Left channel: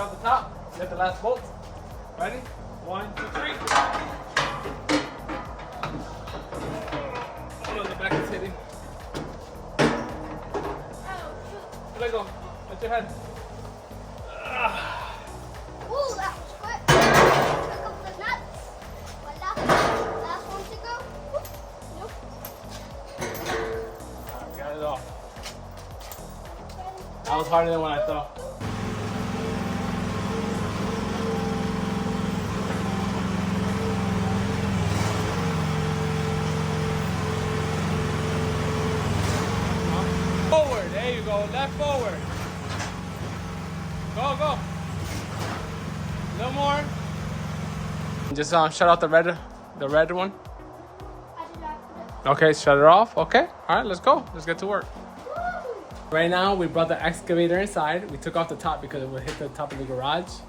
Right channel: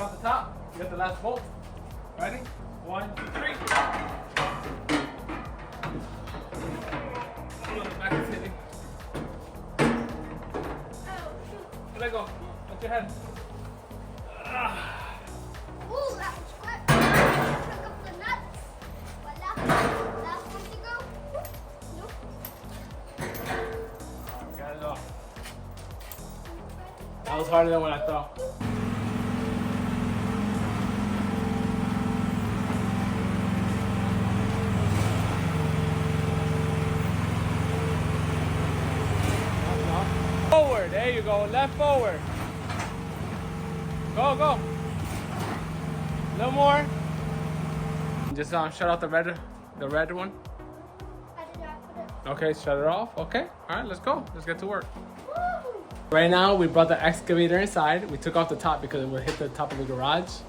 off the top. Get the last bolt. Ready? 1, 2, 3. Oh, the back is hitting. Let go. Let your head. Ooh, that was quick. Pick up the nuts. Voila. Last one to go. Whoop. Nope. Alright, got it off. That was harder than what I thought. Forward, there you go, left forward. Go, go. No more. Just shut off the red one. I did not put it. Okay, shut it off. Okay, all right, let's go. Let's get to work. Woo! Right now, we brought the excavator inside. We took off the top because it would hit the top of the garage.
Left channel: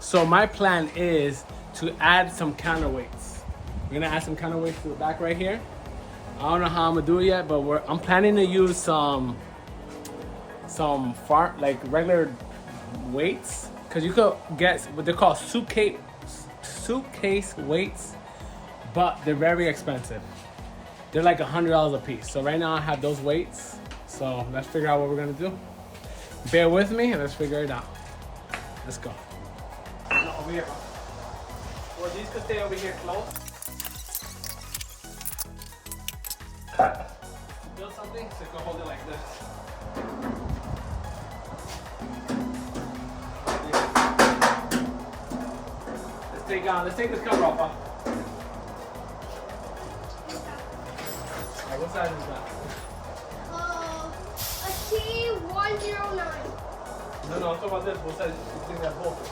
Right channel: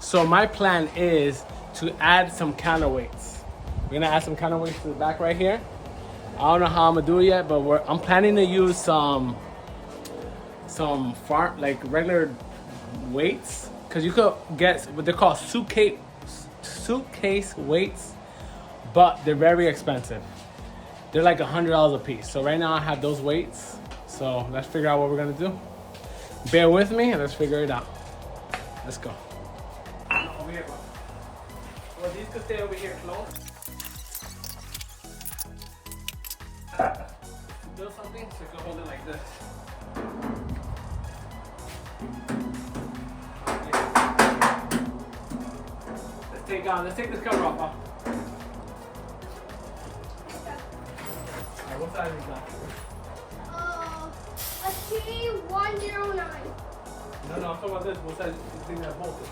So my plan is to add some counterweights. We're gonna add some counterweights to the back right here. I don't know how I'm gonna do it yet, but I'm planning to use some like regular weights, because you could get what they call suitcase weights, but they're very expensive. They're like $100 a piece. So right now I have those weights. So let's figure out what we're gonna do. Bear with me and let's figure it out. Let's go. Over here. Well, these could stay over here close. Build something so you can hold it like this. Let's take this cover off, huh? Alright, what size is that? A T109. No, I'm talking about this. What size do you think that bolt is?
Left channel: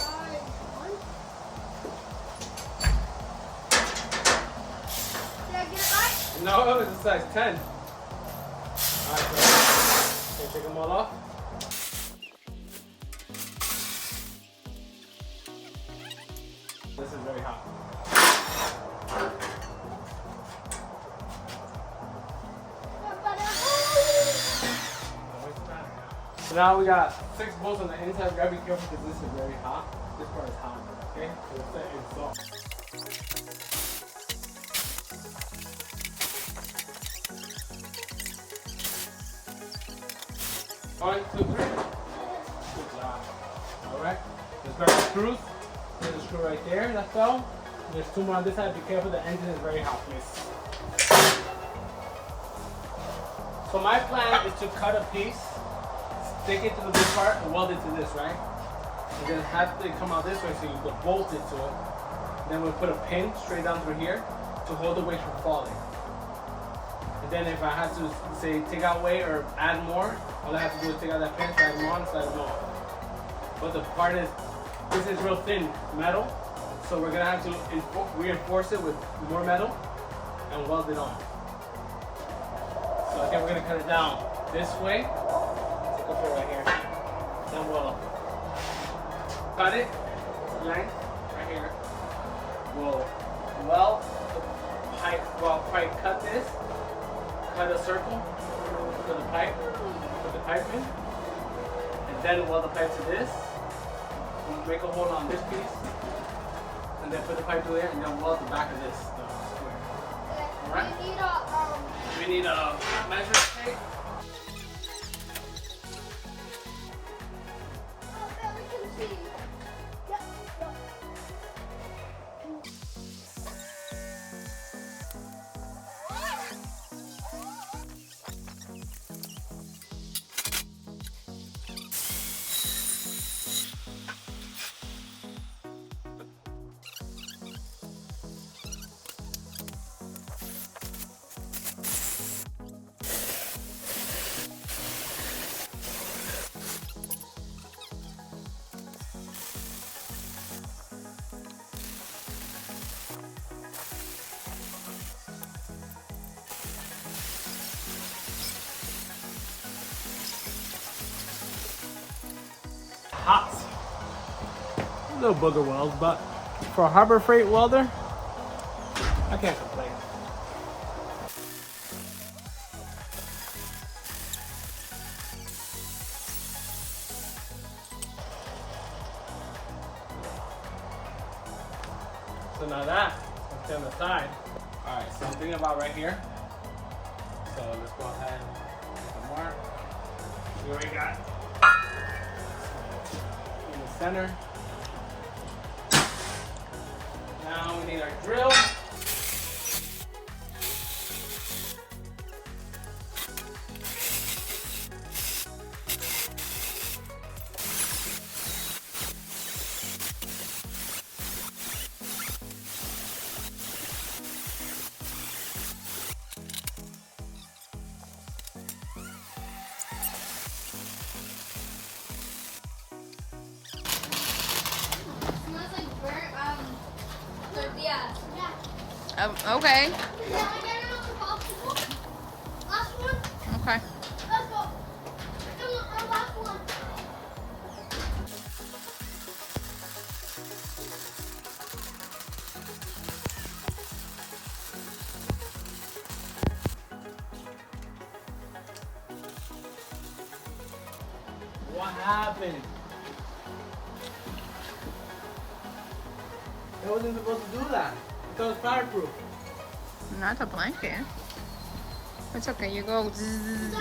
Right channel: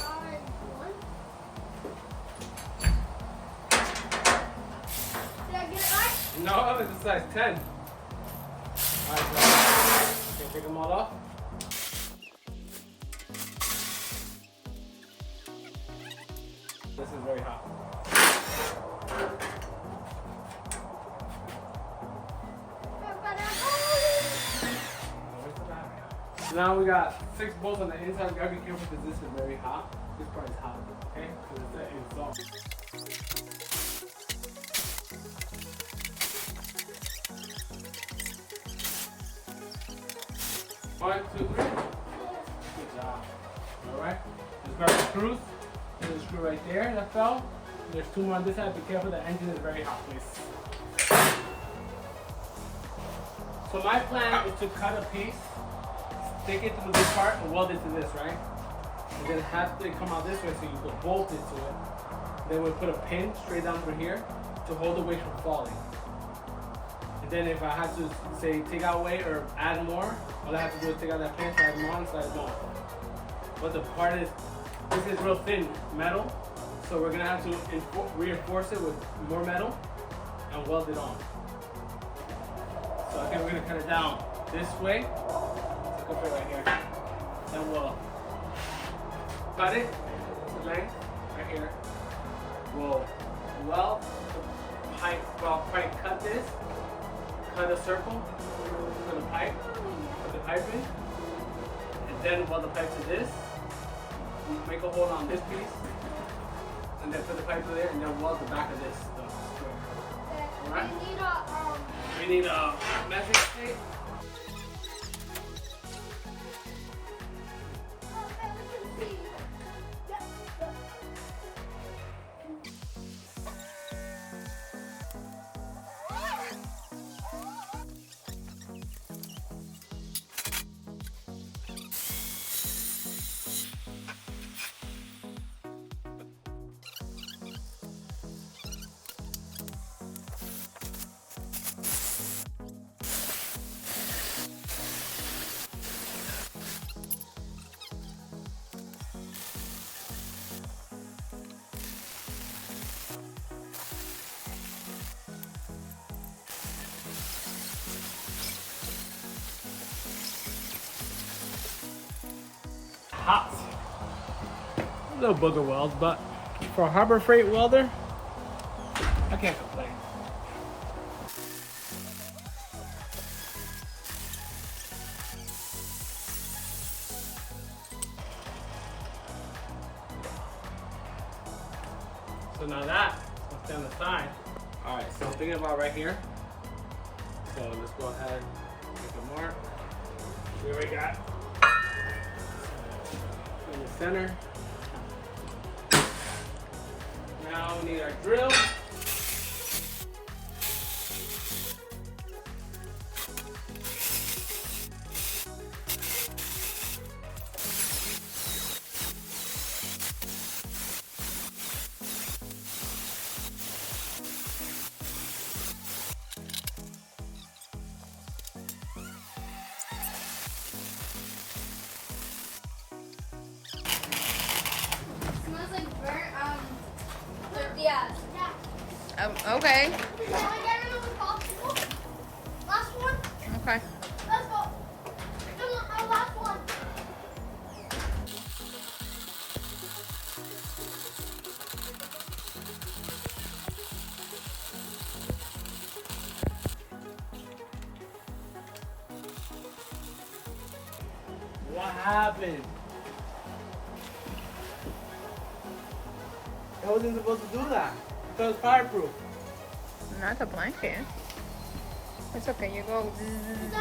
Size 1. Did I get it right? No, it's a size 10. Alright, so okay, take them all off. This is very hot. So now we got 6 bolts on the inside. You gotta be careful because this is very hot. This part is hot, okay? Because it's soft. 1, 2, 3. Good job. Alright. Let's grab the screws. There's a screw right there that fell. There's 2 more on this side. Be careful, the engine is very hot, please. So my plan is to cut a piece, stick it to the blue part, and weld it to this, right? And then have to come out this way so you can bolt it to it. Then we'll put a pin straight down through here to hold the weight from falling. And then if I had to, say, take out weight or add more, all I have to do is take out that pin, slide them on, slide them off. But the part is, this is real thin metal, so we're gonna have to reinforce it with more metal and weld it on. So again, we're gonna cut it down this way. So go for it right here. Then we'll cut it to length right here. We'll weld the pipe. Well, pipe cut this. Cut a circle for the pipe. Put the pipe in, and then weld the pipe to this. We'll make a hole on this piece, and then put the pipe through there, and then weld the back of this square. All right. We need a measure tape. Hot. A little booger weld, but for a Harbor Freight welder, I can't complain. So now that, let's stay on the side. All right, so I'm thinking about right here. So let's go ahead and make a mark. We already got in the center. Now we need our drill. Smells like burnt tortillas. Yeah. Okay. Now I got another popsicle. Last one. Okay. Let's go. Our last one. What happened? I wasn't supposed to do that. I thought it was fireproof. Not a blanket. It's okay. You go. Zzz.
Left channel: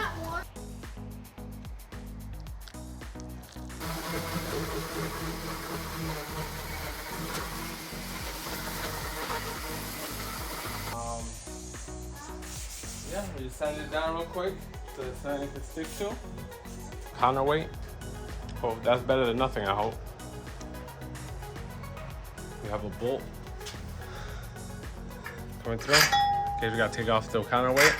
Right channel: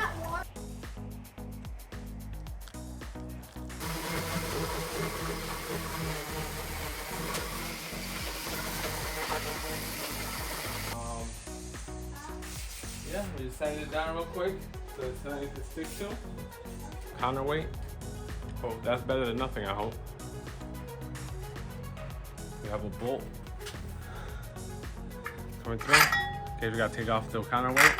Yeah, we just sand it down real quick so it's not anything to stick to. Counterweight. Oh, that's better than nothing, I hope. We have a bolt coming through. Okay, we gotta take off the counterweight.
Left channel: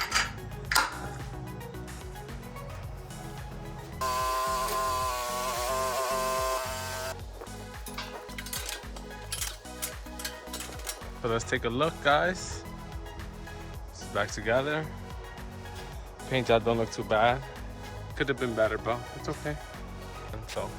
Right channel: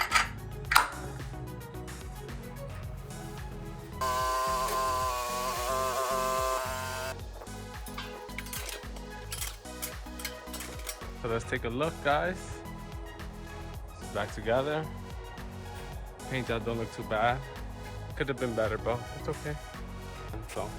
So let's take a look, guys. It's back together. Paint job don't look too bad. Could have been better, but it's okay. And so.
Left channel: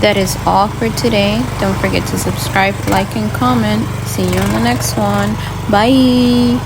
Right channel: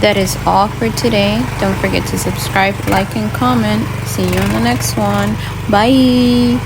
That is all for today. Don't forget to subscribe, like, and comment. See you on the next one. Bye.